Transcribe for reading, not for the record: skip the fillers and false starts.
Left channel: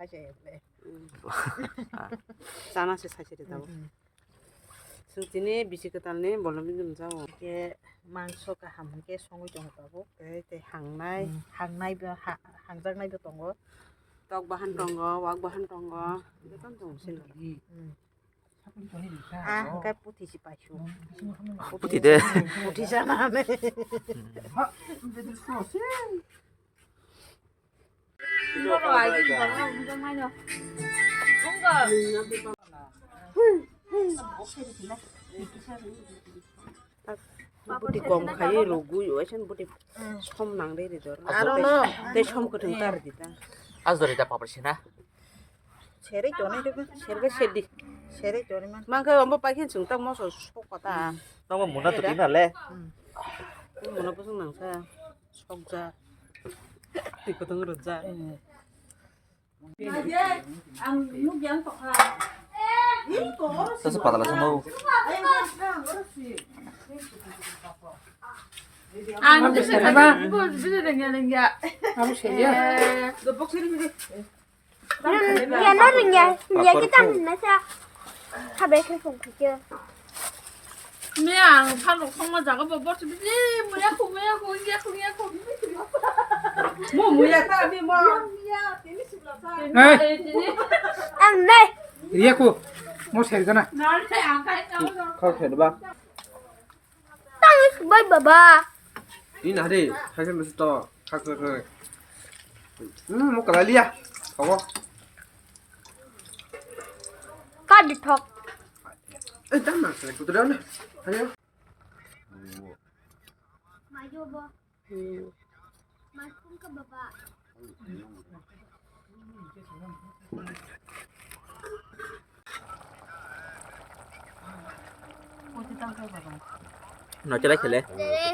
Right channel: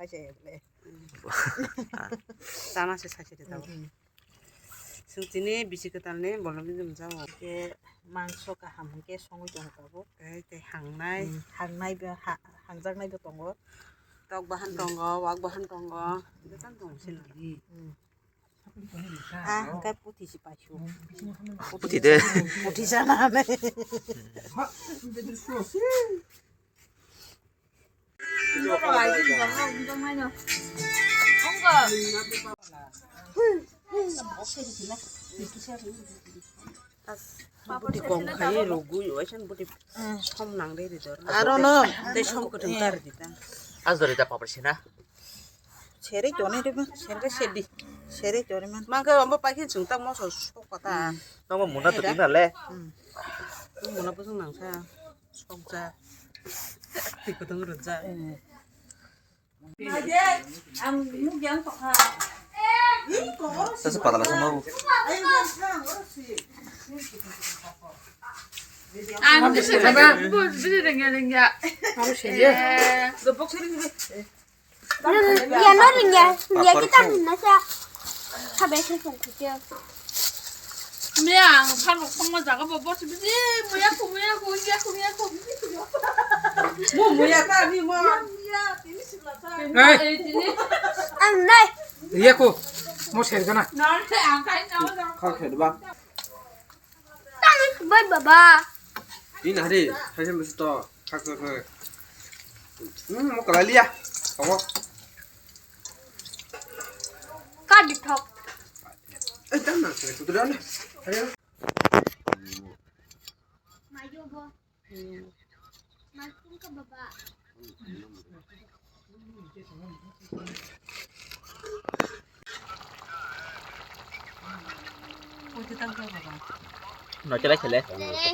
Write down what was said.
사셔야래. 짜나시 사실이다고. 승진이 비시크달네 뭘로 좀 자고. 이게 만소가 함께 송을 좀 하고. 그때 항나이 항나이벼 항장나이벼 동거. 떡바 한 동거, 왁바 한 동거. 이거 딴 동신. 그러니까 뿌티시 빠쇼. 뿌티대. 뿌티잖아. 이거로 알지 뭐 운동하냐 뭔가 Budi kom khaye rogu yo chen budi som nang de dor. I don't know. Te som ko teng tar dita. 아스도리 다 빠버시나? 세례 전에는 세례가 세디. 세례 전에만 Ma ke omba pa khin chung tak mo so sok pa ta. 너무 문화 또 띠날래. Mo na pusung nang sa. Sok ja. Ti ko teng ro ja. 그래서 받아라서 뭐 안 드셔 봐봐 뭐 비슷하게 Baru sedia. Gepok sini. nhà nó là nhà cái tăng thì nó sẽ sao bé thấy không phải chưa 그냥 바로 정말 작아봐 버스 비지 뭐야 Mo muya ta ni mo. ăn đây Iya ku, mau share kana? 나한테 안 가있나 그렇게 해 봐. tăng bên bà Ini hari, hari mesti tahu. Kak. Mau ke Bali ya? Kamu? có được thật Jangan, itu dah lah. Ayo. mà vô bơ mà không có bà Ko ti tang ka ba. 너 잘했을래? để